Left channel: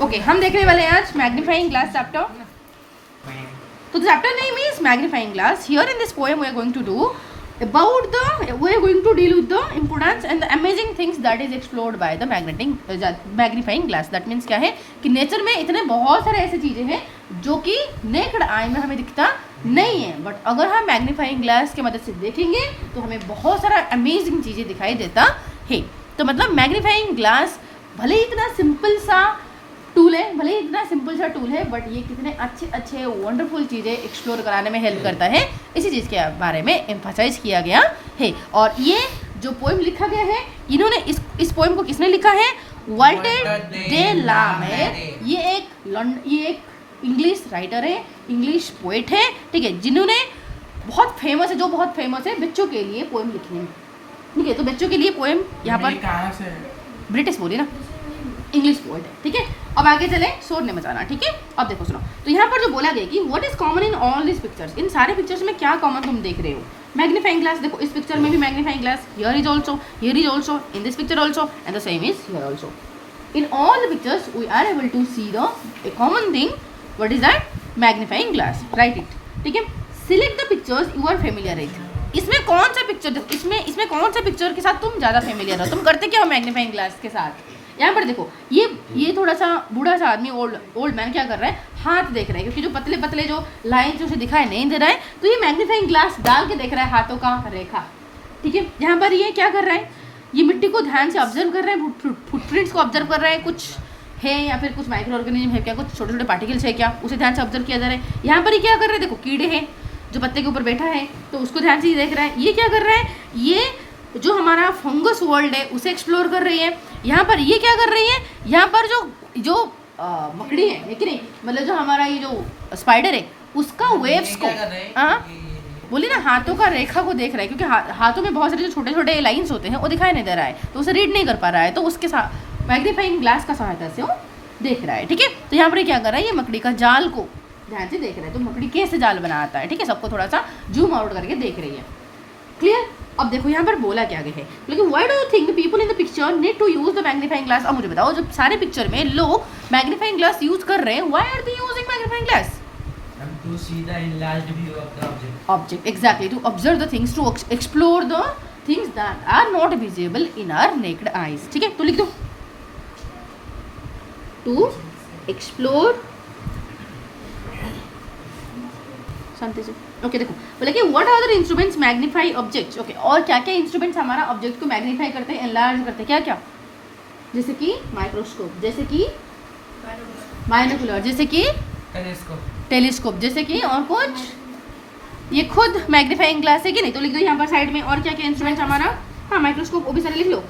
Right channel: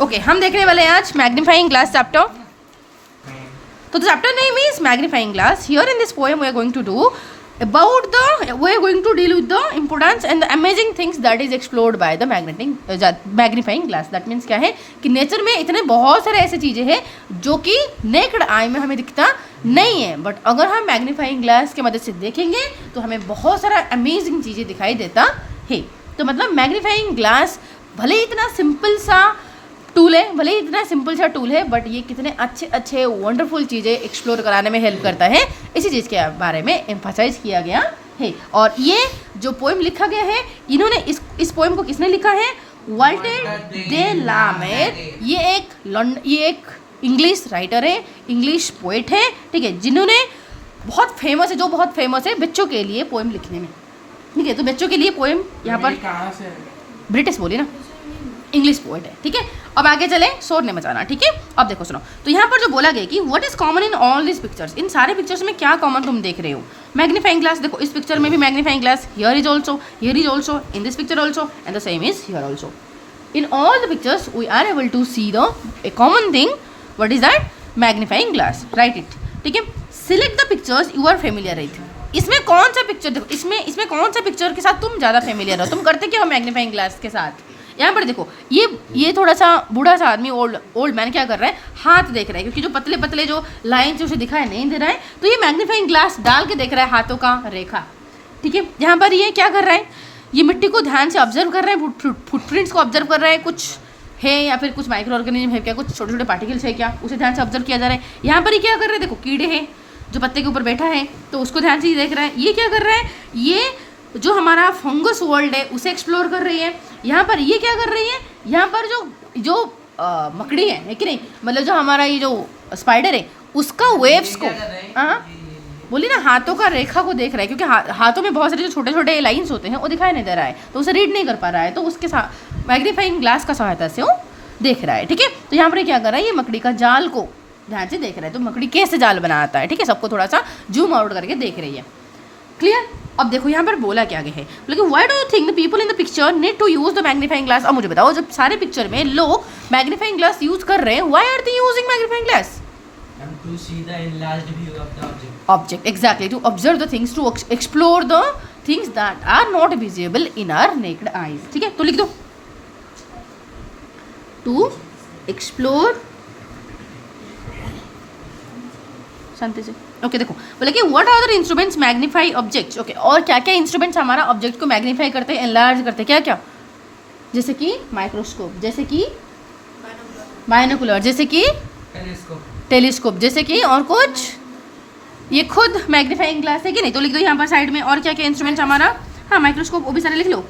Okay, हम देखने वाले हैं आज मैग्नीफाइंग ग्लास चैप्टर। तो chapter name is magnifying glass. Here in this poem we are going to do about we are going to deal with the importance and the amazing things that is explored by the magnifying glass. That means क्या है कि nature में इतने बहुत सारे ऐसे चीज़ें हैं जो कि नेक्ड आई में हमें दिखता नहीं है, बट अगर हम मैग्नीफाइंग ग्लास की मदद से देखेंगे तो हमें बहुत सारा अमेजिंग चीज़ें दिखाई देता है. तो मतलब मैग्नीफाइंग ग्लास भले ही इतना सिंपल सा टूल है, बट ये कितने अच्छे अच्छे वंडरफुल चीज़ें एक्सप्लोर कराने में हेल्प करता है, इसी चीज़ के बारे में एम्फसाइज किया गया है. और ये जो पोएम लिखा गया है, इन्होंने इस पोएम को किसने लिखा है? Walter de la Mare. ये एक इंग्लिश राइटर है, इंग्लिश पोइट है, ठीक है, जिन्होंने बहुत फेमस है बच्चों के लिए पोएम लिखने में. ठीक है, तो बच्चों के लिए पोएम यहाँ पर ब्रिटिश बोली ना, इंग्लिश पोएट है. ठीक है, अब आगे चले, शोर नहीं मचाना. ठीक है, अब देखो सुनो, तो यहाँ पर जो बोला गया कि what is common in all this pictures, इन सारे पिक्चर्स में क्या कॉमन तुम देख रहे हो? Magnifying glass. देखो इस पिक्चर में भी magnifying glass, here is also, in this picture also, and the same is here also. In all the pictures we are able to see the a common thing. What is that? Magnifying glass. Right it. ठीक है, select the pictures you are familiar with. इसमें कौन सा picture, देखो इसमें कौन सा picture के साथ तुम ज़्यादा फेमिलियर हो, तुम करते क्या हो मैग्नीफाइंग ग्लास के साथ? यहाँ पर देखो, ये थोड़ा सा बूढ़ा सा आदमी, ओल्ड मैन क्या कर रहा है? हाथ देख रहा है, क्योंकि जो पतले पतले जो लाइन उसे दिखाई नहीं दे रहा है, तो ये मैग्नीफाइंग ग्लास डाल के देख रहा है हाथों का रेखा. ठीक है, यहाँ पर ये क्या कर रहा है? ये मिट्टी को ध्यान से ऑब्जर्व कर रहा है, फुटप्रिंट्स को ऑब्जर्व कर रहा है, कुछ है या फिर कुछ माइक्रो ऑर्गेनिज्म है क्या, कुछ छोटे छोटे पार्टिकल्स है क्या, उसे ध्यान से ऑब्जर्व किया जा रहा है. यहाँ पर ये क्या कर रहा है? देखो कीड़े हैं, जो पत्ते के ऊपर बैठा है, तो उसको ध्यान से देख रहा है. ये क्या कर रहा है? ये जो हमारा फंगस वर्ल्ड है उसे एक्सप्लोर कर रही है. यहाँ पर ये क्या कर रही है? यहाँ पर जो मकड़ी है कि नहीं, मतलब जो हमारा ये जो स्पाइडर है उसका वेव्स को, हाँ बोली ना, हाथों का रेखा को देख रहा है, क्योंकि हाथों में बहुत सारे जो छोटे छोटे लाइंस होते हैं वो दिखाई नहीं दे रहा है, तो उसे रीड नहीं कर पा रहा है, तो उसके साथ मैग्नीफाइंग ग्लास का सहायता से वो देख रहा है. ठीक है, तो यहाँ पर क्या कर रहा है? ये मकड़ी का जाल को ध्यान से देख रहा है, तो मकड़ी कैसे जाल बनाता है. ठीक है, सबको थोड़ा सा जूम आउट करके देख रही है. क्लियर? अब देखो यहाँ पर बोला क्या गया है, लेकिन why do you think the people in the picture need to use the magnifying glass. अब मुझे बताओ, जब सारे पिक्चर में लोग मैग्नीफाइंग ग्लास यूज कर रहे हैं, why are they using magnifying glass? To see the enlarged view of the object. Exactly, to observe the things, to explore the things that are not visible in our naked eyes. ठीक है, तो लिख दो, to explore. शांति से. Okay, देखो बोले कि what are the instruments magnify objects. Okay, और क्या क्या इंस्ट्रूमेंट्स हमारा ऑब्जेक्ट को मैग्नीफाई करते हैं, एनलार्ज करते हैं? क्या क्या? जैसे कि माइक्रोस्कोप, जैसे कि बाइनोकुलर, जैसे कि टेलीस्कोप, जैसे कि और कुछ, ये खुद मैग्नीफाइंग ग्लास है कि नहीं? तो लिख दो यहाँ पर साइड में, और क्या क्या इंस्ट्रूमेंट्स हमारा. हाँ, माइक्रोस्कोप, वो भी सारे लिख लो.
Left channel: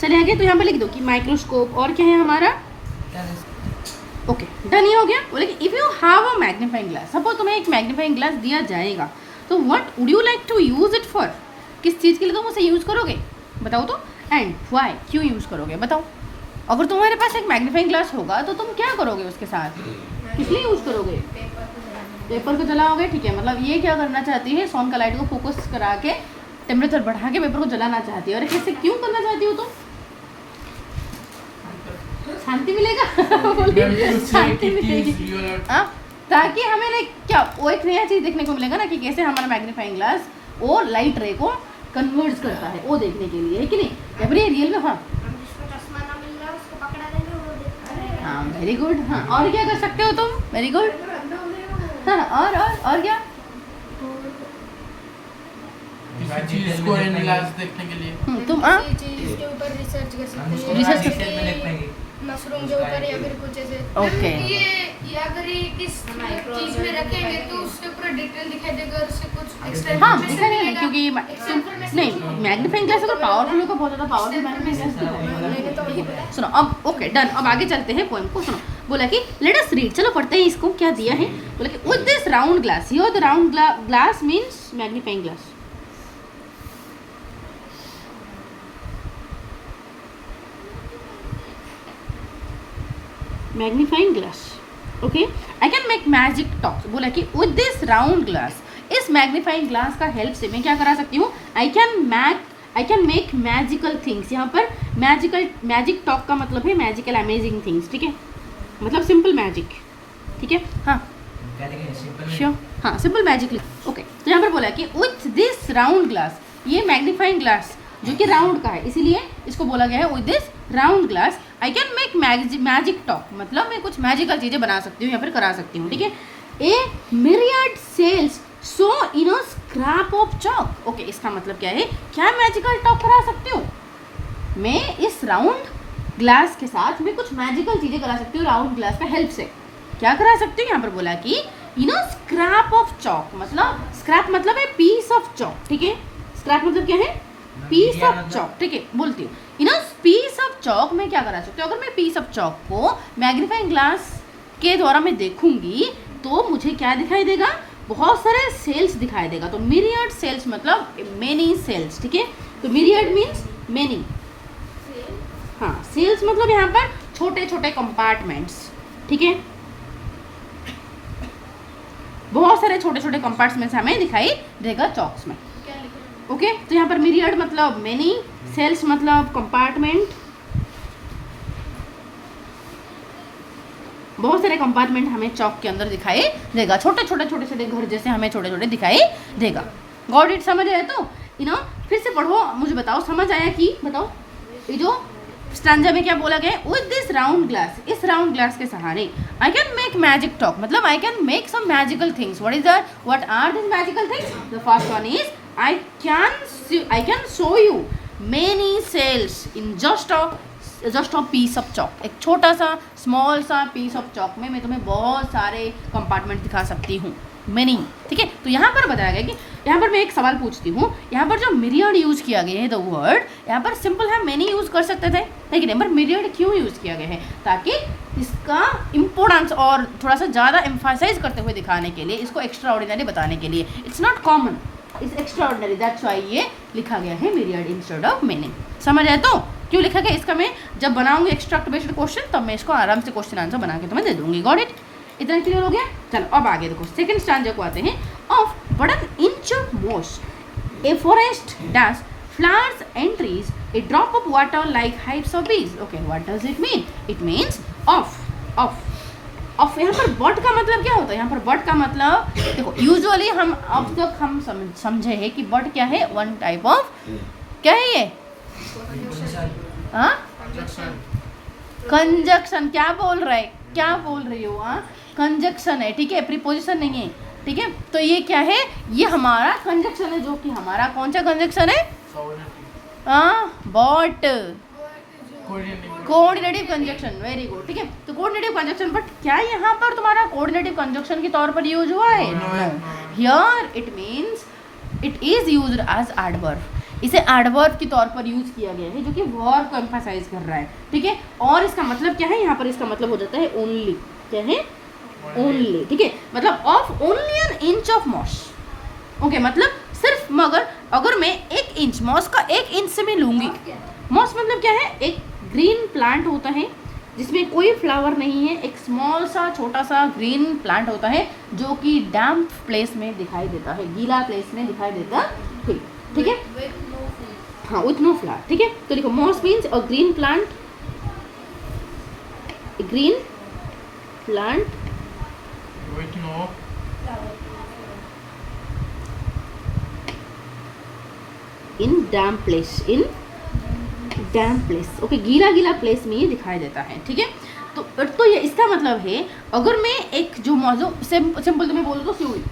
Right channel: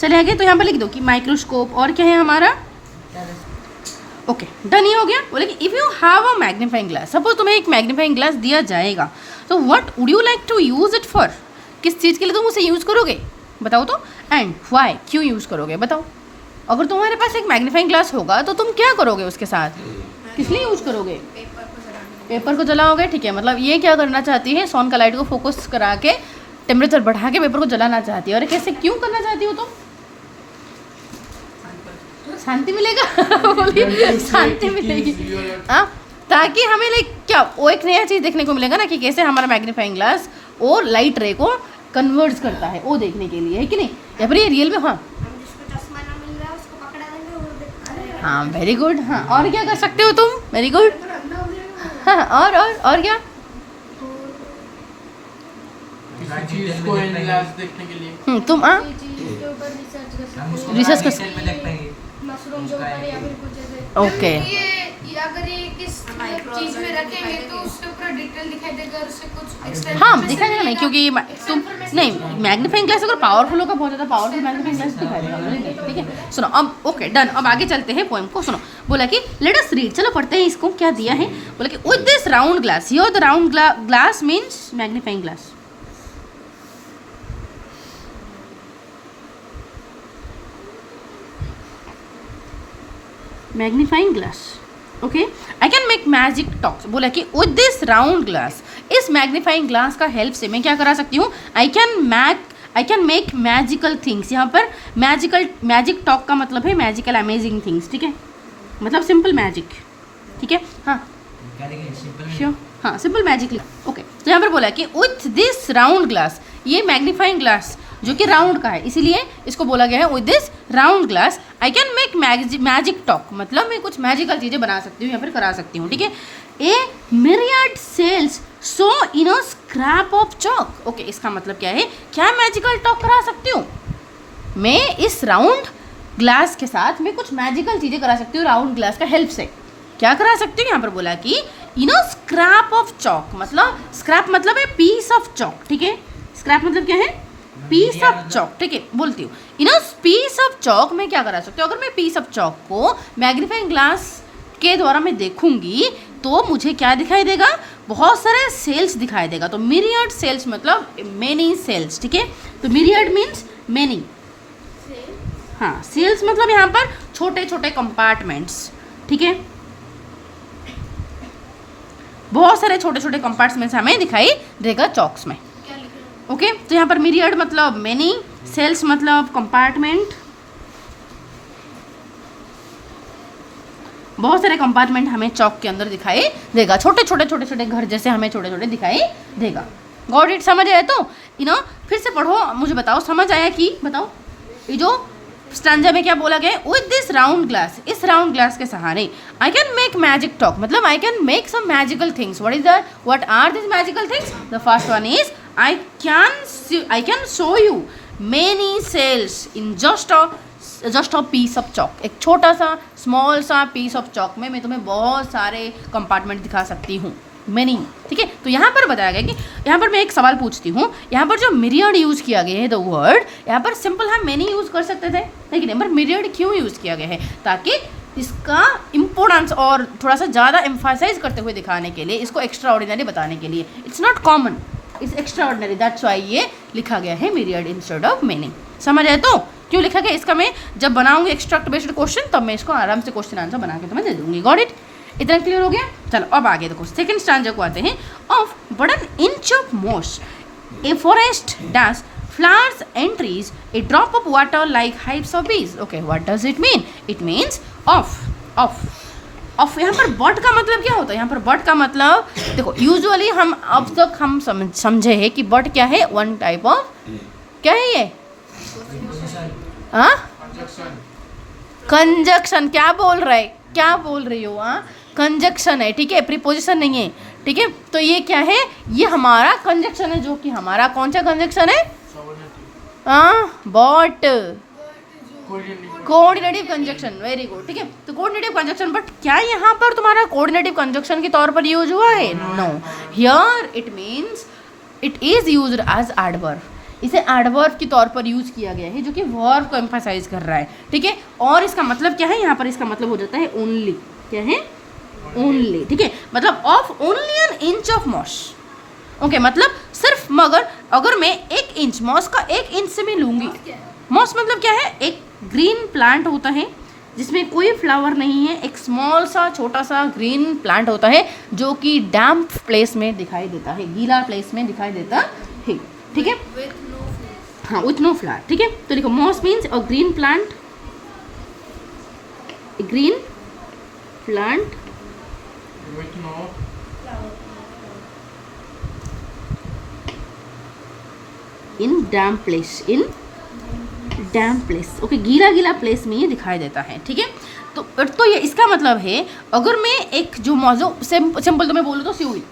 चलिए आगे, तो यहाँ पर लिख दो कि माइक्रोस्कोप, और क्या है हमारा? Okay, done. ये हो गया. बोले कि if you have a magnifying glass, suppose तुम्हें एक मैग्नीफाइंग ग्लास दिया जाएगा, तो what would you like to use it for? किस चीज़ के लिए तुम उसे यूज़ करोगे, बताओ तो. एंड व्हाई, क्यों यूज़ करोगे, बताओ. अगर तुम्हारे पास एक मैग्नीफाइंग ग्लास होगा तो तुम क्या करोगे उसके साथ, किस लिए यूज़ करोगे? पेपर को जलाओगे. ठीक है, मतलब ये क्या करना चाहती है? सन का लाइट को फोकस करा के टेम्परेचर बढ़ा के पेपर को जलाना चाहती है. और कैसे, क्यों करना चाहती हो तुम? शांति मिलेगा. शांति मिलेगी, हाँ, ताकि हमें क्या वो एक नया चीज़ देखने को मिलेगा ना, कि कैसे हमारा मैग्नीफाइंग ग्लास और लाइट रे को कन्वर्ट करता है, वो देखने के लिए है कि नहीं, या फिर ये रियल में. हाँ, वेरी गुड. हाँ, और क्या कर सकते हो तुम? Very good. हाँ, और क्या? चीज को एनलार्ज देखने के लिए तुम रिसर्च कर सकते हैं. मशरूम जो ऊपर या फिर कुछ ऐसे. ओके, ये अगर ये किस चीज में रखेंगे तो उसके ऊपर डिटेल दिखाई देगा, और उससे कुछ एक्स्ट्रा. हाँ, दिखाई देगा नहीं, क्योंकि तुम नहीं, मैग्नीफाइंग ग्लास अगर पावरफुल होगा, बहुत ज़्यादा पावरफुल मैग्नीफाइंग ग्लास दिखाएगा. ठीक है, सुनो अब. Okay, done. अब आगे चलते हैं पोएम को. सुनो, बोला कि लेट अस रीड. चलो पढ़ते हैं इसको, क्या दिया है. बोला कि with this round glass, here the round glass means magnifying glass. Magnifying glass. Okay, I can make magic talks. बोला कि विद दिस राउंड ग्लास, इस मैग्नीफाइंग ग्लास का हेल्प से मैं क्या करा सकती हूँ? I I can make magical things. यहाँ पर मैजिक टॉक का मतलब है मैजिकल अमेजिंग थिंग्स, ठीक है, मतलब सिंपल मैजिक, ठीक है। हाँ श्योर, हाँ सिंपल मैजिक। ओके, तो यहाँ पर बोला कि विथ दिस राउंड ग्लास, ये मैग्नीफाइंग ग्लास जो कि राउंड का है, इसीलिए इसको बोला गया है with this round glass I can make magic talk, मतलब मैं कुछ मैजिकल चीज़ें बना सकती हूँ, यहाँ पर करा सकती हूँ, ठीक है। A myriad cells so in a scrap of chalk. Okay, इसका मतलब क्या है, क्या मैजिकल टॉक करा सकती हूँ मैं इस राउंड ग्लास के साथ, मैं कुछ मैजिकल चीज़ें करा सकती हूँ राउंड ग्लास का हेल्प से। क्या करा सकती हूँ, यहाँ पर बोला कि इन अ स्क्रैप ऑफ चॉक, मतलब स्क्रैप मतलब है पीस ऑफ चॉक, ठीक है। स्क्रैप मतलब क्या है, पीस ऑफ चॉक, ठीक है। बोलती हूँ इन अ पीस ऑफ चॉक मैं क्या करा सकती हूँ, अगर मैं पीस ऑफ चॉक को मैग्नीफाइंग ग्लास के द्वारा मैं देखूंगी तो मुझे क्या दिखाई देगा, बहुत सारे सेल्स दिखाई देगा। तो myriad सेल्स मतलब मेनी सेल्स, ठीक है। तो myriad मीन्स मेनी, हाँ, सेल्स मतलब यहाँ पर छोटे छोटे कंपार्टमेंट्स, ठीक है, बहुत सारे छोटे छोटे कंपार्टमेंट्स हमें दिखाई देगा चॉक्स में। ओके, तो यहाँ पर myriad मतलब मेनी, सेल्स मतलब कंपार्टमेंट, बहुत सारे कंपार्टमेंट हमें चौक के अंदर दिखाई देगा, छोटे छोटे घर जैसे हमें छोटे छोटे दिखाई देगा। गॉट इट, समझ आया? तो फिर से पढ़ो, मुझे बताओ समझ आया कि, बताओ ये जो स्टैंजा में क्या बोला गया, विद दिस राउंड ग्लास, इस राउंड ग्लास के सहारे I can make magic talk, मतलब I can make some magical things. What is that, what are this magical things? The first one is I can show you many cells in just a piece of chalk. एक छोटा सा small सा piece of chalk में मैं तुम्हें बहुत सारे compartment दिखा सकती हूँ, मेनी, ठीक है। तो यहाँ पर बताया गया कि यहाँ पर मैं एक सवाल पूछती हूँ, यहाँ पर जो myriad यूज़ किया गया है, द वर्ड यहाँ पर सिंपल है, मेनी यूज़ कर सकते थे, लेकिन यहाँ पर myriad क्यों यूज़ किया गया है, ताकि इसका इम्पोर्टेंस और थोड़ा सा ज़्यादा एम्फासाइज करते हुए दिखाने के लिए, इसको एक्स्ट्रा ऑर्डिनरी बताने के लिए। It's not common, it's extra ordinary, that's why ये लिखा गया है myriad इंस्टेड ऑफ मेनी। समझ आए? तो क्यों लिखा गया, इसका मैं जब बनाऊंगी एक्सट्रैक्ट बेस्ड क्वेश्चन तब मैं इसको आराम से क्वेश्चन आंसर बना के तुम्हें दे दूंगी। Got it? इतना क्लियर हो गया? चलो अब आगे देखो, सेकंड स्टैंजा को आते हैं। Of but an inch of moss a forest dash flowers and trees a drop of water like hives of bees. Okay, what does it mean? It means of यहाँ पर बट का मतलब क्या होता है, यहाँ पर बट का मतलब देखो, यूजुअली हम अब तक हम समझे हैं कि बट क्या है, वन टाइप ऑफ, क्या है ये, कंजक्शन। क्या बोल रही हो? कंजक्शन है, ठीक है, प्रीपोजिशन नहीं है, ठीक है। तो ये क्या है, ये हमारा कंजक्शन है, जो कि हमारा कौन सा कंजक्शन है, but coordinative conjunction, very good, ठीक है। तो कोऑर्डिनेटिव कंजक्शन, बट क्या यहाँ पर तुम्हारा कोऑर्डिनेटिव कंजक्शन के तौर पर यूज हुआ है? No, here it means it is used as adverb. इसे एडवर्ब के तौर पर यूज किया गया है, जो कि वर्ब को एम्फसाइज कर रहा है, ठीक है। और इसका मतलब क्या है, यहाँ पर इसका मतलब हो जाता है ओनली, क्या है, ओनली, ठीक है, मतलब of only an inch of moss. Okay, मतलब सिर्फ, मगर अगर मैं 1 इंच, मॉस का 1 इंच से मैं लूँगी, मॉस मतलब क्या है, एक ग्रीन प्लांट होता है जिसमें कोई फ्लावर नहीं है, एक स्मॉल सा छोटा सा ग्रीन प्लांट होता है जो कि डैम्प प्लेस में दिखाई देता है, गीला प्लेस में दिखाई देता है, ठीक है, हाँ, विथ नो फ्लावर, ठीक है। तो देखो, moss means a green plant, green plant with no in damp place, okay, गीला प्लेस में ये दिखाई देता है, ठीक है। तो ये इसका मतलब है, अगर मैं एक जो मौजू सिंपल तो मैं बोलूँ तो स्यूली,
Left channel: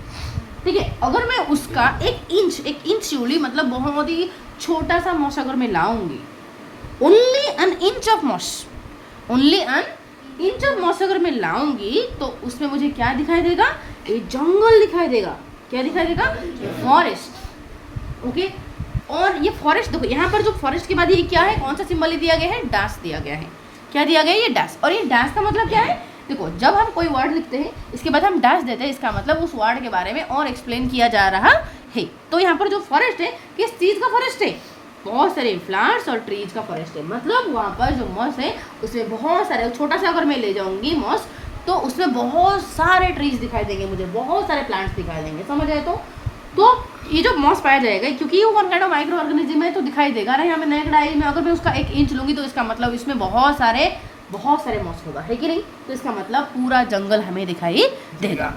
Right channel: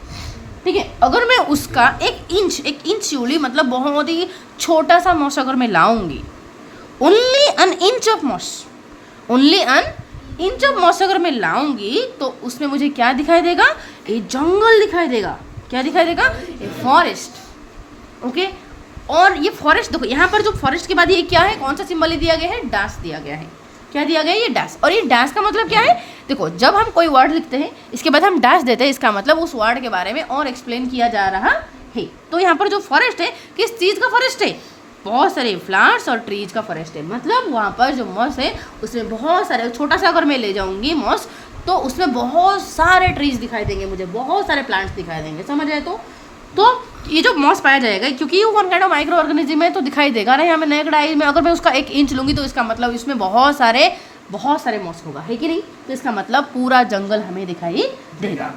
ठीक है, अगर मैं उसका 1 इंच स्यूली मतलब बहुत ही छोटा सा मॉस अगर मैं लाऊंगी, only an inch of moss अगर मैं लाऊंगी, तो उसमें मुझे क्या दिखाई देगा, ये जंगल दिखाई देगा, क्या दिखाई देगा, फॉरेस्ट, ओके। और ये फॉरेस्ट देखो, यहाँ पर जो फॉरेस्ट के बाद ये क्या है, कौन सा सिंबल दिया गया है, डैश दिया गया है, क्या दिया गया है, ये डैश। और ये डैश का मतलब क्या है, देखो, जब हम कोई वर्ड लिखते हैं इसके बाद हम डैश देते हैं, इसका मतलब उस वर्ड के बारे में और एक्सप्लेन किया जा रहा है। तो यहाँ पर जो फॉरेस्ट है, किस चीज़ का फॉरेस्ट है, बहुत सारे फ्लावर्स और ट्रीज का फॉरेस्ट है, मतलब वहाँ पर जो मॉस है उसमें बहुत सारे, छोटा सा अगर मैं ले जाऊँगी मॉस, तो उसमें बहुत सारे ट्रीज दिखाई देंगे मुझे, बहुत सारे प्लांट्स दिखाई देंगे। समझ आए? तो ये जो मॉस पाया जाएगा, क्योंकि ये one kind of micro organism है तो दिखाई देगा ना। यहाँ मैं नेकड में अगर मैं उसका 1 इंच लूँगी तो इसका मतलब इसमें बहुत सारे मॉस होगा, है कि नहीं। तो इसका मतलब पूरा जंगल हमें दिखाई देगा।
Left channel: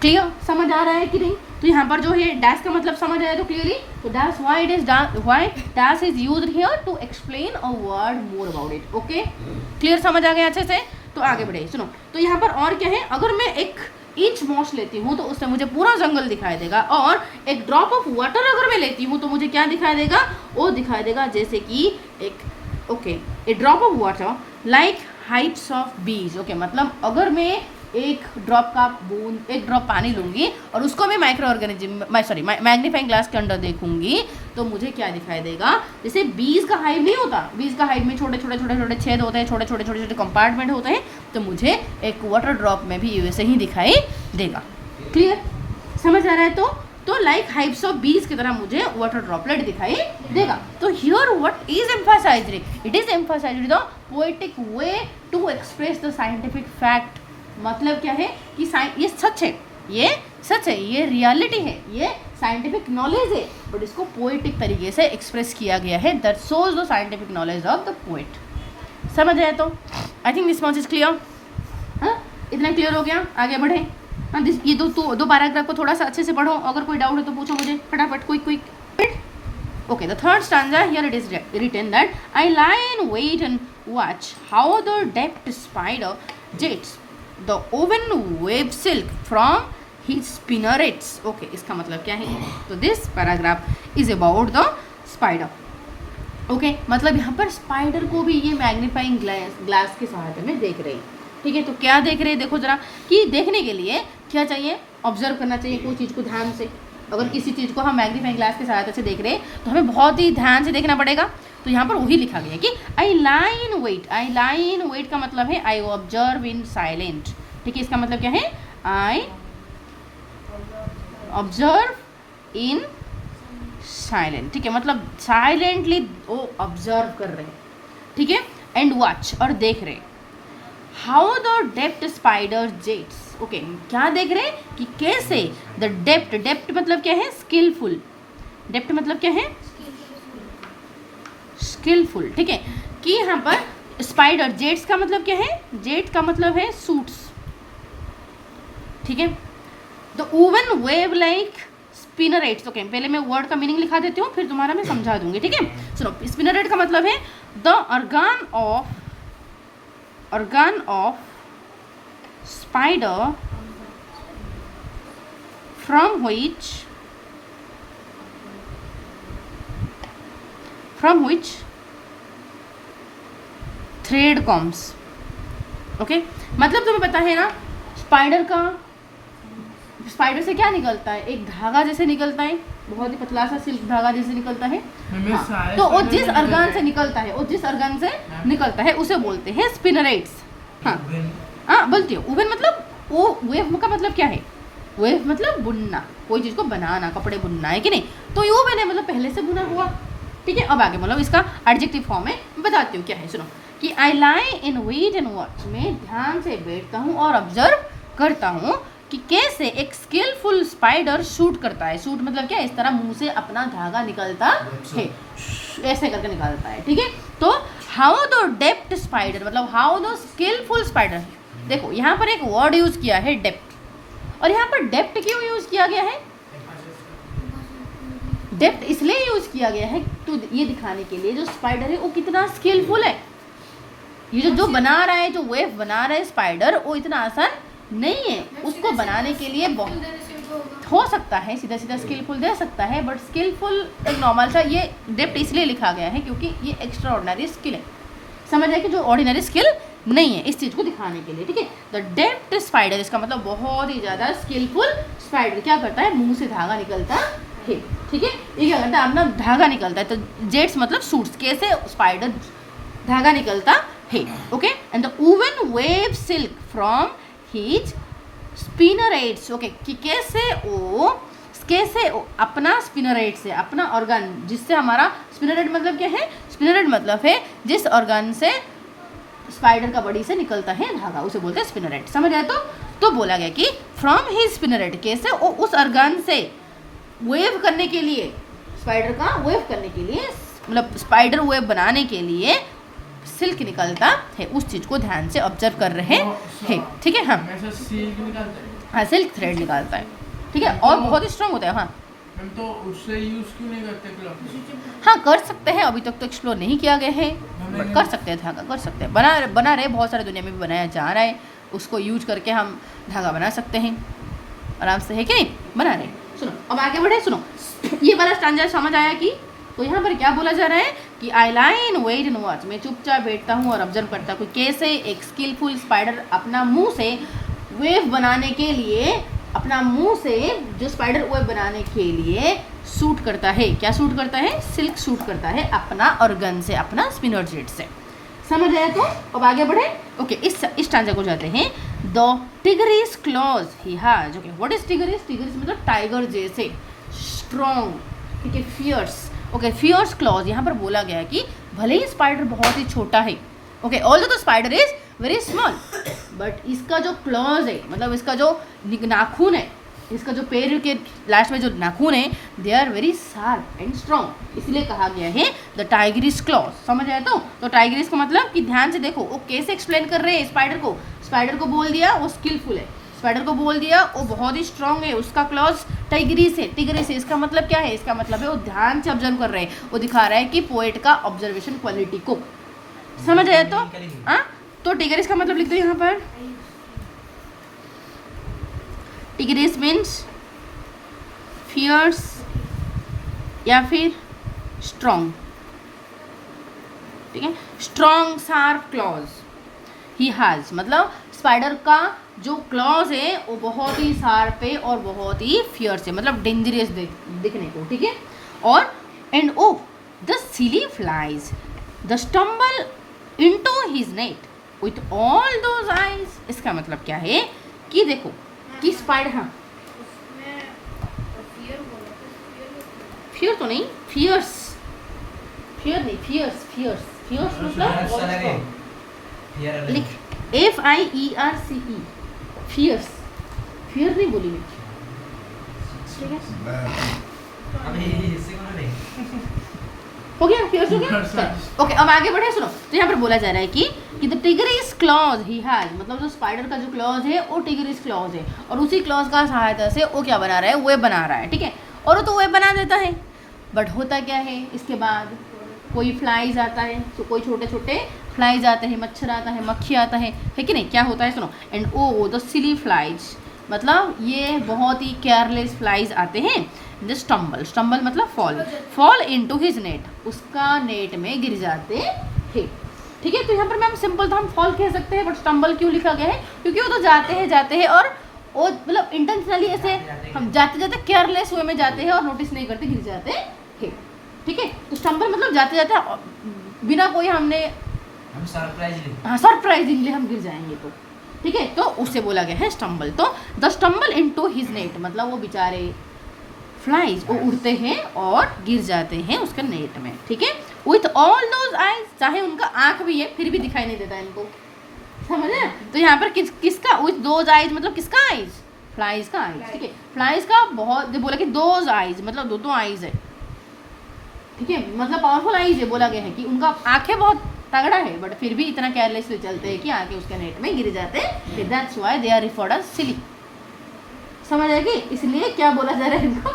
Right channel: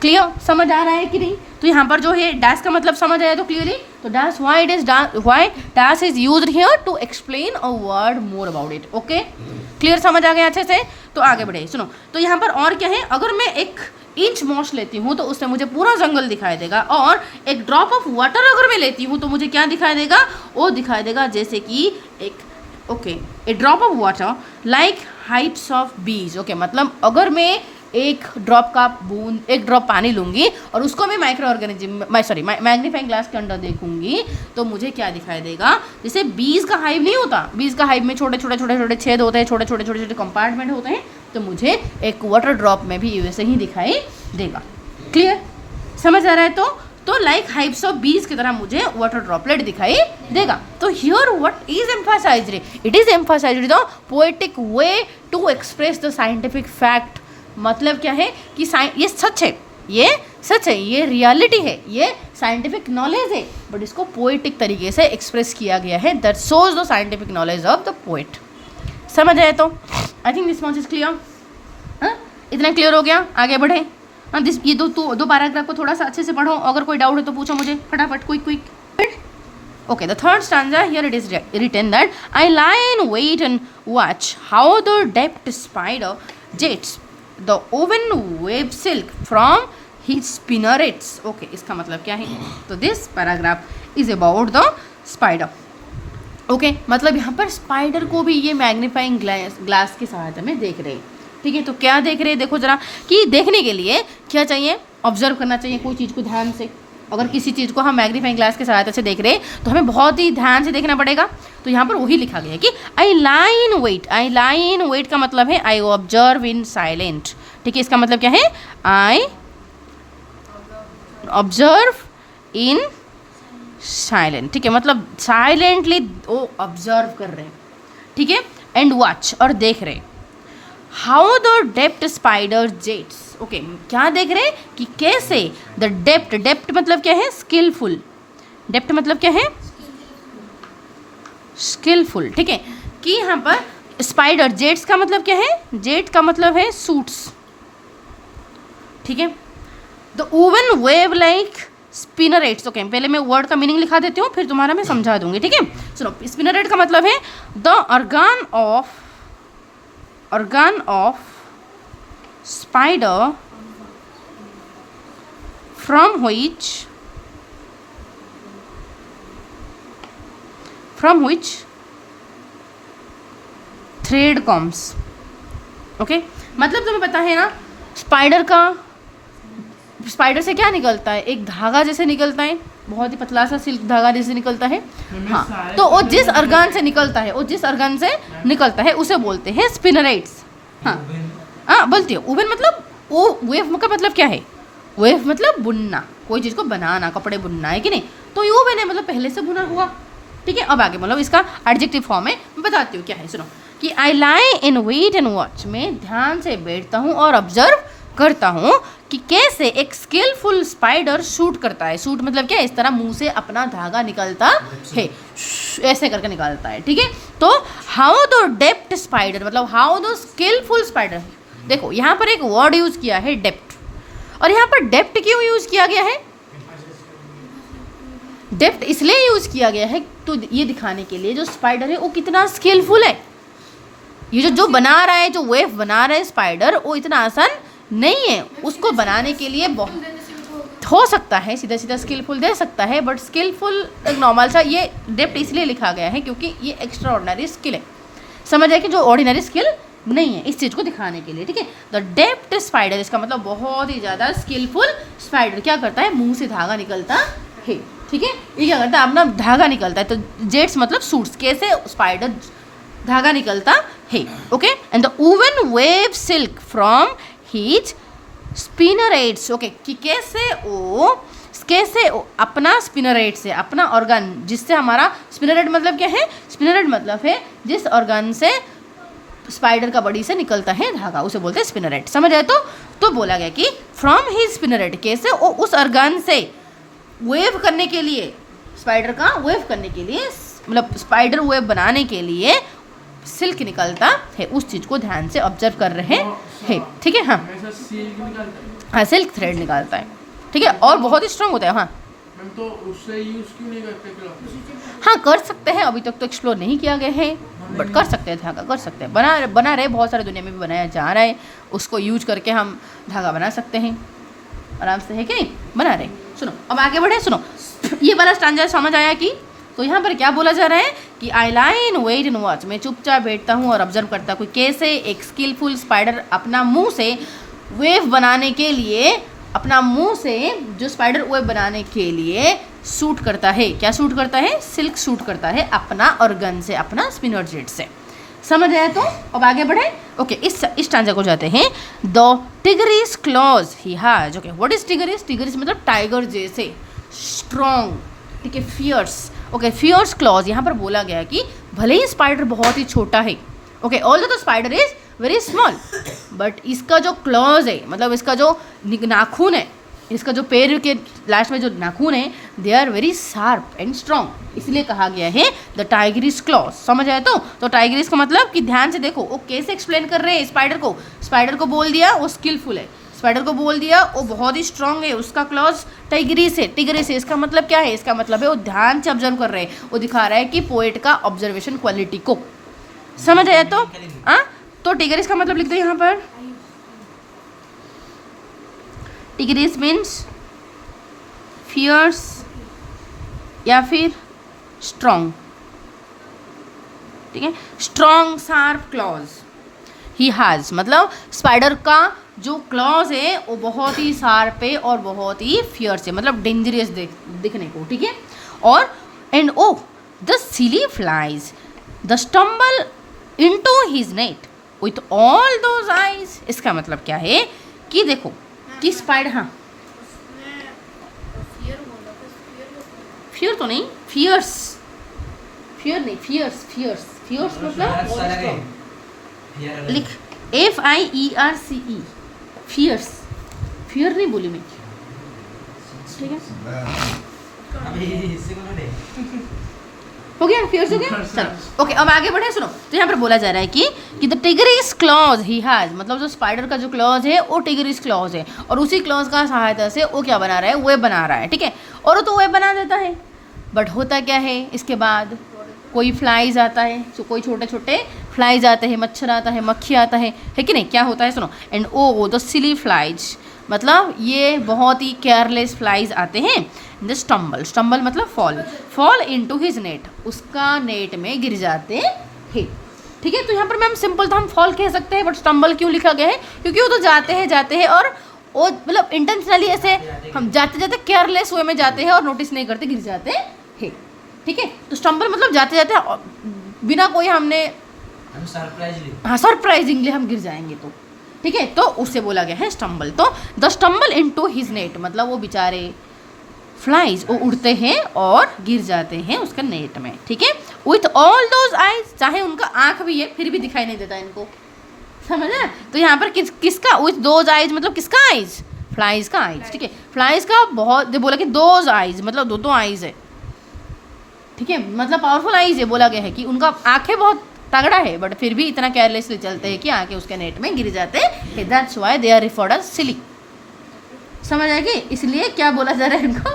क्लियर, समझ आ रहा है कि नहीं। तो यहाँ पर जो है डैश का मतलब समझ आया तो क्लियरली। तो dash why dash is used here to explain a word more about it. Okay, clear, समझ आ गया अच्छे से। तो आगे बढ़े, सुनो। तो यहाँ पर और क्या है, अगर मैं 1 इंच मॉस लेती हूँ तो उससे मुझे पूरा जंगल दिखाई देगा, और एक ड्रॉप ऑफ वाटर अगर मैं लेती हूँ तो मुझे क्या दिखाई देगा, वो दिखाई देगा जैसे कि एक a drop of water like hives of bees. Okay, मतलब अगर मैं एक ड्रॉप पानी लूँगी और उसको मैं माइक्रो ऑर्गेनिज्म मैग्नीफाइंग ग्लास के अंदर देखूंगी तो मुझे क्या दिखाई देगा, जैसे बीज का हाइव नहीं होता, बीज का हाइव में छोटे छोटे छेद होते हैं, छोटे छोटे कंपार्टमेंट होते हैं, तो मुझे एक वाटर ड्रॉप में भी वैसे ही दिखाई देगा। क्लियर, समझ आ रहा है। तो लाइक हाइप्स ऑफ बीज की तरह मुझे वाटर ड्रॉपलेट दिखाई देगा। तो here what is emphasized, it is emphasized the poetic way to express the scientific fact. मतलब क्या है कि ये सच है, ये रियलिटी है, ये साइंटिफिक नॉलेज है, बट इसको पोएटिक तरीके से एक्सप्रेस किया गया है। That shows the scientific knowledge of the poet. समझ आए तो I think this much is clear. हाँ, इतना क्लियर हो गया, आगे बढ़े। ये दो पैराग्राफ को थोड़ा सा अच्छे से पढ़ो, अगर कोई डाउट है तो पूछो मुझे फटाफट, quick. Okay, the third stanza, here it is written that I lie in wait and watch how the deft spider jets the woven web silk from his spinnerets. Okay, इसका मतलब क्या है? तो this paragraph is about the spider. Okay, मतलब यहाँ पर spider को भी ये मैग्नीफाइंग ग्लास की सहायता में देख रहे हैं। ठीक है, तो क्या देख रहे हैं, देखो जरा, कि देखने के लिए क्या चाहिए, ऑब्जर्व करना चाहिए कोई चीज़ को ध्यान से। अगर किसी चीज़ को हम मैग्नीफाइंग ग्लास की सहायता से देख रहे हैं तो हमें बहुत ही ध्यान से देखना पड़ेगा। तो यहाँ पर वही लिखा गया है कि आई लाई इन वेट का मतलब है आई ऑब्जर्व इन साइलेंट। ठीक है, इसका मतलब क्या है, आई ऑब्जर्व इन साइलेंट। ठीक है, मतलब साइलेंटली वो ऑब्जर्व कर रहे हैं। ठीक है, एंड वॉच, और देख रहे हैं। How the depth spider jets. Okay, क्या देख रहे हैं कि कैसे द डेप्थ मतलब क्या है, स्किलफुल। डेप्थ मतलब क्या है, स्किलफुल। ठीक है, कि यहाँ पर स्पाइडर जेट्स का मतलब क्या है, जेट का मतलब है सूट्स। ठीक है, the woven web like spinnerets. Okay, पहले मैं वर्ड का मीनिंग लिखा देती हूँ, फिर तुम्हारा मैं समझा दूंगी। ठीक है, सुनो, स्पिनरेट का मतलब है the organ of spider from which thread comes. Okay, मतलब तुम्हें पता है ना, स्पाइडर से क्या निकलता है, एक धागा जैसे निकलता है, बहुत ही पतला सा सिल्क धागा जैसे निकलता है। हाँ, तो वो जिस अर्गान से निकलता है उसे बोलते हैं स्पिनरेट्स। हाँ, बोलती हो। ओवन मतलब वो, वेव का मतलब क्या है, वेव मतलब बुनना, कोई चीज़ को बनाना, कपड़े बुनना, है कि नहीं। तो ये ओवन है, मतलब पहले से बुना हुआ। ठीक है, अब आगे मतलब इसका एडजेक्टिव फॉर्म में बताती हूँ क्या है, सुनो। कि आई लाई इन वेट एंड वॉच, मैं ध्यान से बैठता हूँ और ऑब्जर्व करता हूँ कि कैसे एक स्किलफुल स्पाइडर शूट करता है। शूट मतलब क्या, इस तरह मुंह से अपना धागा निकलता है, ऐसे करके निकालता है। ठीक है, तो हाउ द डेप्थ स्पाइडर मतलब हाउ द स्किलफुल स्पाइडर। देखो यहाँ पर एक वर्ड यूज किया है डेप्थ, और यहाँ पर डेप्थ क्यों यूज किया गया है, डेप्थ इसलिए यूज किया गया है तो ये दिखाने के लिए जो स्पाइडर है वो कितना स्किलफुल है। ये जो बना रहा है, जो वेव बना रहा है स्पाइडर, वो इतना आसान नहीं है। उसको बनाने के लिए बहुत हो सकता है, सीधा सीधा स्किलफुल दे सकता है, बट स्किलफुल एक नॉर्मल सा, ये डेप्थ इसलिए लिखा गया है क्योंकि ये एक्स्ट्रा ऑर्डिनरी स्किल है। समझ आए कि जो ऑर्डिनरी स्किल नहीं है, इस चीज़ को दिखाने के लिए। ठीक है, द डेप्थ स्पाइडर, इसका मतलब बहुत ही ज़्यादा स्किलफुल स्पाइडर क्या करता है, मुंह से धागा निकलता है। ठीक है, ये क्या करता है, अपना धागा निकलता है। तो जेट्स मतलब सूट्स, कैसे स्पाइडर धागा निकलता है। Okay, and the woven web silk from his spinnerets. Okay, कि कैसे वो अपना स्पिनरेट से, अपना ऑर्गन जिससे हमारा, स्पिनरेट मतलब क्या है, स्पिनरेट मतलब है जिस ऑर्गन से स्पाइडर का बॉडी से निकलता है धागा, उसे बोलते हैं स्पिनरेट। समझ आए तो बोला गया कि फ्रॉम हिज स्पिनरेट, कैसे वो उस ऑर्गन से वेव करने के लिए, स्पाइडर का वेव करने के लिए, मतलब स्पाइडर वेव बनाने के लिए सिल्क निकलता है, उस चीज़ को ध्यान से ऑब्जर्व कर रहे हैं, ठीक है। हाँ हमेशा सिल्क निकलता है। हाँ, सिल्क थ्रेड निकालता है, ठीक है, और बहुत ही स्ट्रांग होता है। हाँ मैम तो उससे यूज क्यों नहीं करते क्लॉथ? हाँ कर सकते हैं, अभी तक तो एक्सप्लोर नहीं किया गया है, बट कर सकते हैं, धागा कर सकते हैं, बना रहे, बहुत सारे दुनिया में भी बनाया जा रहा है, उसको यूज करके हम धागा बना सकते हैं आराम से, है कि नहीं, बना रहे। सुनो अब आगे बढ़े, सुनो ये वाला स्टांजा समझ आया कि, तो यहाँ पर क्या बोला जा रहा है कि आई लाई इन वेट इन वॉच, मैं चुपचाप बैठता हूँ और ऑब्जर्व करता हूँ कैसे एक स्किलफुल स्पाइडर अपना मुंह से वेव बनाने के लिए, अपना मुंह से जो स्पाइडर वेव बनाने के लिए सूट करता है, क्या सूट करता है, सिल्क सूट करता है अपना ऑर्गन से, अपना स्पिनर जेट से। समझ आया? तो अब आगे बढ़े। ओके, इस स्टांजा को जाते हैं। The Tigris clause he has. Okay, what is Tigris? Tigris मतलब टाइगर जैसे, स्ट्रॉन्ग, ठीक है, फियर्स। ओके, फियर्स क्लॉज यहाँ पर बोला गया है कि भले ही स्पाइडर बहुत ही छोटा है, okay, although the spider is very small, but इसका जो क्लॉज है, मतलब इसका जो नाखून है, इसका जो पैर के लास्ट में जो नाखून है, they are very sharp and strong, इसलिए कहा गया है द टाइगरिस क्लॉज। समझ आया? तो टाइगरिस का मतलब कि ध्यान से देखो वो कैसे एक्सप्लेन कर रहे हैं स्पाइडर को बोल दिया वो स्किलफुल है, स्पाइडर को बोल दिया वो बहुत ही स्ट्रॉन्ग है, उसका क्लॉज टाइगरिस है। इसका मतलब क्या है? इसका मतलब है वो ध्यान से ऑब्जर्व कर रहे हैं, वो दिखा रहा है कि पोएट का ऑब्जर्वेशन क्वालिटी को। समझ आया? तो टिगरिस का मतलब लिख दो यहाँ पर। टिगरिस मीन्स फियर्स या फिर स्ट्रॉन्ग, ठीक है, strong sharp clause he has, मतलब स्पाइडर का जो क्लॉज है वो बहुत ही शार्प है और बहुत ही फियर्स है, मतलब डेंजरस दिखने को, ठीक है। और and O the silly flies the stumble into his net with all those eyes. इसका मतलब क्या है कि देखो कि स्पाइडर, हाँ फियर तो नहीं, फियर्स, फियर नहीं, फियर्स मतलब लिख FIERCE, फियर्स, फियर नहीं बोली मैं, ठीक है, हो गया, फियर्स हो गया। चलो ओके, अब आगे बढ़े। सुनो, तो यहाँ पर बोला जा रहा है कि the Tigris clause he has, मतलब जो स्पाइडर का जो क्लॉज है वो टिगरिस क्लॉज है, और उसी क्लॉज का सहायता से वो क्या बना रहा है, वेब बना रहा है, ठीक है, और वो तो वेब बना देता है, बट होता क्या है इसके बाद, कोई फ्लाइज आता है, तो कोई छोटे छोटे फ्लाइज आते हैं, मच्छर आता है, मक्खी आता है कि नहीं, क्या होता है? सुनो, and O the silly flies, मतलब ये बहुत ही केयरलेस फ्लाइज आते हैं, द स्टम्बल मतलब फॉल इनटू हिज नेट, उसका नेट में गिर जाते हैं, ठीक है। तो यहाँ पर मैम सिंपल था, हम फॉल कह सकते हैं, बट स्टम्बल क्यों लिखा गया है? क्योंकि वो तो जाते हैं और वो मतलब इंटेंशनली ऐसे हम जाते केयरलेस वे में जाते हैं और नोटिस नहीं करते, गिर जाते हैं, ठीक है। तो स्टम्बल मतलब जाते बिना कोई हमने सरप्राइजिंगली हम गिर जाएंगे, तो ठीक है, तो उससे बोला गया है स्टम्बल। तो the stumble into his net, मतलब वो बेचारे फ्लाइज वो उड़ते हैं और गिर जाते हैं उसका नेट में, ठीक है, विथ ऑल दोज आइज, चाहे उनका आंख भी है फिर भी दिखाई नहीं देता इनको, समझ ना? तो यहाँ पर किसका विथ दोज आइज मतलब किसका आइज? फ्लाइज का आइज, ठीक है, फ्लाइज का बहुत बोला कि दोज आइज मतलब दो आइज है, ठीक है, मतलब पावरफुल आइज है, बोला गया है कि उनका आंखें बहुत तगड़ा है, बट फिर भी इतना केयरलेसली चलते हैं कि आके उसके नेट में गिर जाते हैं, that's why they are referred as silly. समझ आएगी? इसलिए क्या बोला जा रहा है इनको,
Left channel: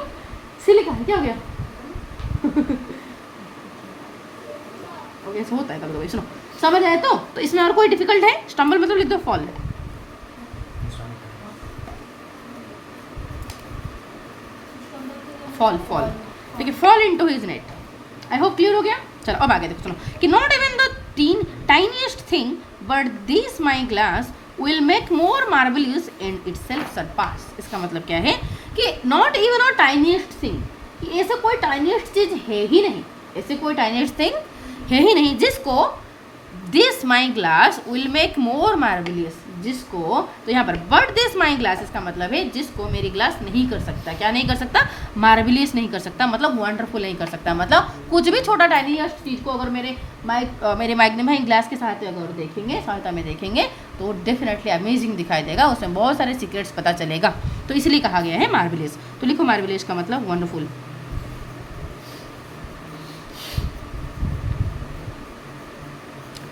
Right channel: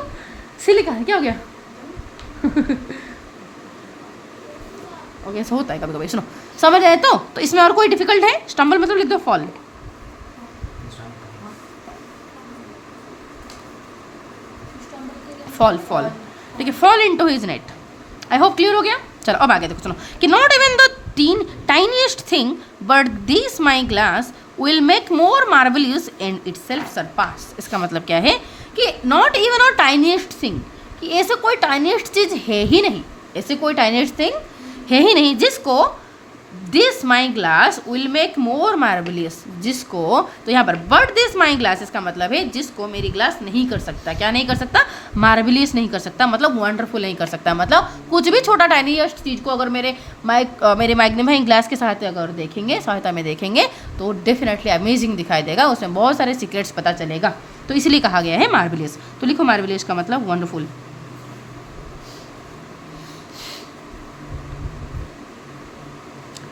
सिली का क्या हो गया? ऐसा होता है कभी कभी। सुनो, समझ आए? तो इसमें और कोई डिफिकल्ट है? स्टम्बल मतलब लिख दो फॉल, फॉल, ठीक है, fall into his net. I hope clear हो गया। चलो अब आगे देखो। सुनो कि not even the tiniest thing but this my glass will make more marvellous and itself surpass. इसका मतलब क्या है कि not even a tiniest thing, कि ऐसा कोई टाइनीएस्ट चीज़ है ही नहीं, ऐसे कोई टाइनीएस्ट थिंग है ही नहीं जिसको this my glass will make more marvellous, जिसको, तो यहाँ पर बट दिस माई ग्लास इसका मतलब है जिसको मेरी ग्लास नहीं कर सकता। क्या नहीं कर सकता? मार्वलियस नहीं कर सकता, मतलब वंडरफुल नहीं कर सकता। मतलब कुछ भी छोटा टाइनीएस्ट चीज़ को अगर मेरे मैग्नीफाइंग ग्लास के सहायता में देखेंगे तो डेफिनेटली अमेजिंग दिखाई देगा, उसमें बहुत सारे सीक्रेट्स पता चलेगा। तो इसलिए कहा गया है मार्वलियस। तो लिखो मार्वलियस का मतलब वंडरफुल।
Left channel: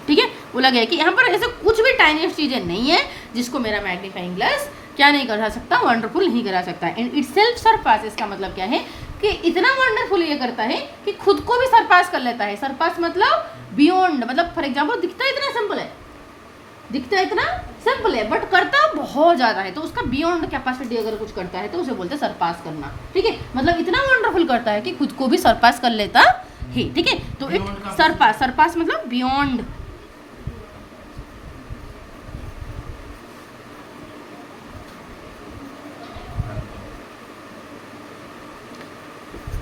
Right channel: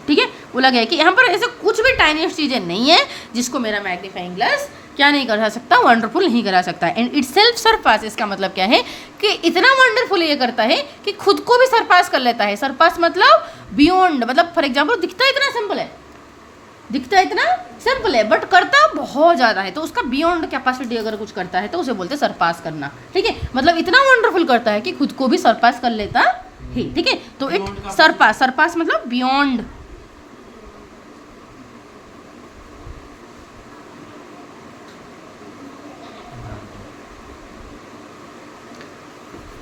ठीक है, बोला गया कि यहाँ पर ऐसे कुछ भी टाइनीस्ट चीज़ें नहीं है जिसको मेरा मैग्नीफाइंग ग्लास क्या नहीं करा सकता, वंडरफुल नहीं करा सकता। एंड इट सेल्फ सरपास, इसका मतलब क्या है कि इतना वंडरफुल ये करता है कि खुद को भी सरपास कर लेता है। सरपास मतलब बियॉन्ड, मतलब फॉर एग्जाम्पल दिखता इतना सिंपल है बट करता बहुत ज़्यादा है, तो उसका बियॉन्ड कैपेसिटी अगर कुछ करता है तो उसे बोलते हैं सरपास करना। ठीक है, मतलब इतना वंडरफुल करता है कि खुद को भी सरपास कर लेता है। ठीक है, तो इट सरपास मतलब बियॉन्ड।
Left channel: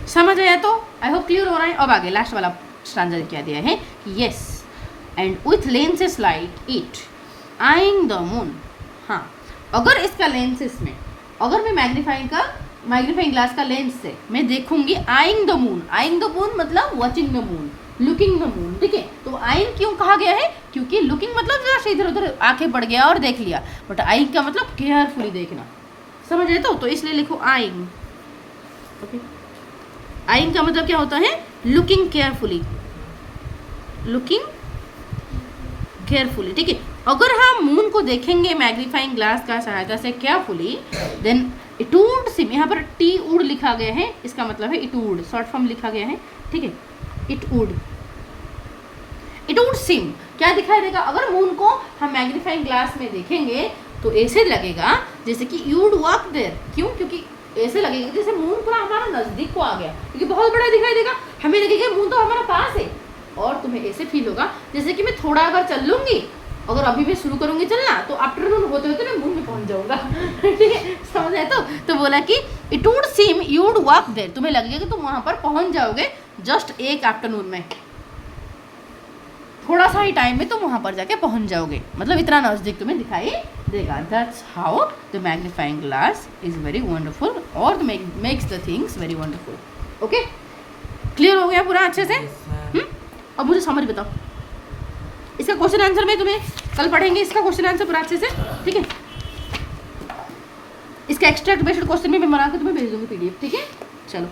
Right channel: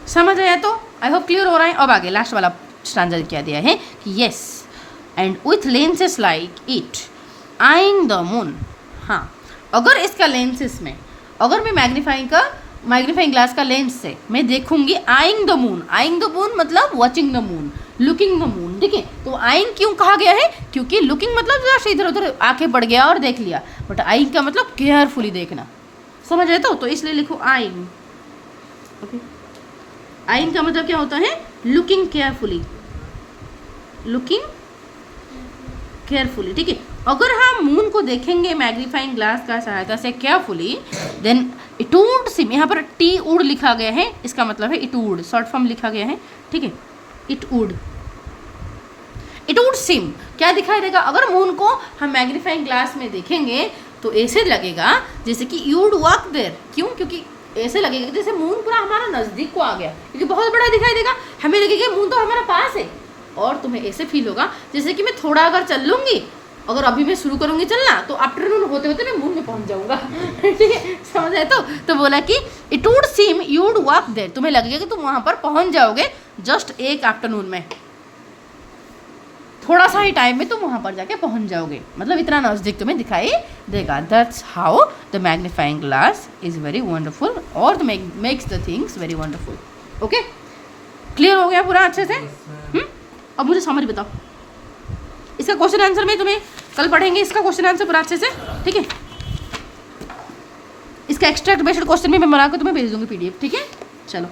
समझ आया? तो आई होप क्लियर हो रहा है। अब आगे लास्ट वाला स्टैंजा क्या दिया है कि yes and with lenses like it eyeing the moon. हाँ, अगर इसका लेंसेस में, अगर मैं मैग्नीफाइंग ग्लास का लेंस से मैं देखूंगी आइंग द मून मतलब watching the moon, looking the moon. ठीक है, तो आइंग क्यों कहा गया है? क्योंकि लुकिंग मतलब जस्ट इधर उधर आंखें पड़ गया और देख लिया, बट आइंग का मतलब केयरफुली देखना। समझ आए? तो इसलिए लिखो आइंग। ओके, आइंग का मतलब क्या होता है? लुकिंग केयरफुली, ठीक है। अगर हम मून को देखेंगे मैग्नीफाइंग ग्लास का सहायता से carefully, then it would seem, यहाँ पर टी वुड लिखा गया है, इसका मतलब है इट वुड, शॉर्ट फॉर्म लिखा गया है। ठीक है, इट वुड सिम क्या दिखाई देगा? अगर मून को हम मैग्नीफाइंग ग्लास में देखेंगे तो ऐसे लगेगा जैसे कि यू वुड वॉक देयर। क्यों? क्योंकि ऐसे लगेगा जैसे मून पूरा हमारा नज़दीक को आ गया, क्योंकि बहुत बड़ा दिखाई देगा। हमें लगेगा मून तो हमारा पास है, और तुम्हें ऐसे फील होगा जैसे कि मैं थोड़ा अगर चल लूँगी, अगर अभी मैं शुरू करूँगी चलना तो आफ्टरनून होते होते मैं मून में पहुँच जाऊँगा। ठीक है, समझ आए? तो बोला कि it would seem you would walk there, तुम्हें लगेगा कि तुम वहाँ पर पहुँच जाओगे जस्ट एक आफ्टरनून में, थोड़ा सा ही टाइम में तुम वहाँ पर जाके पहुँच जाओगे, मतलब इतना नज़दीक तुम्हें दिखाई देगा। That's how the magnifying glass is very wonderful और makes the things very wonderful. Okay, clear हो गया पूरा अच्छे से? अब मुझे समझ बताओ, इसका क्वेश्चन आंसर में तुम्हें कल पढ़ेंगे, इसका क्वेश्चन आंसर पूरा अच्छे से। ठीक है, इसका एक्स्ट्रा बेस्ड क्वेश्चन भी मैं बना कर तुम्हें भेज दूँगी PDF। ठीक है, चलो।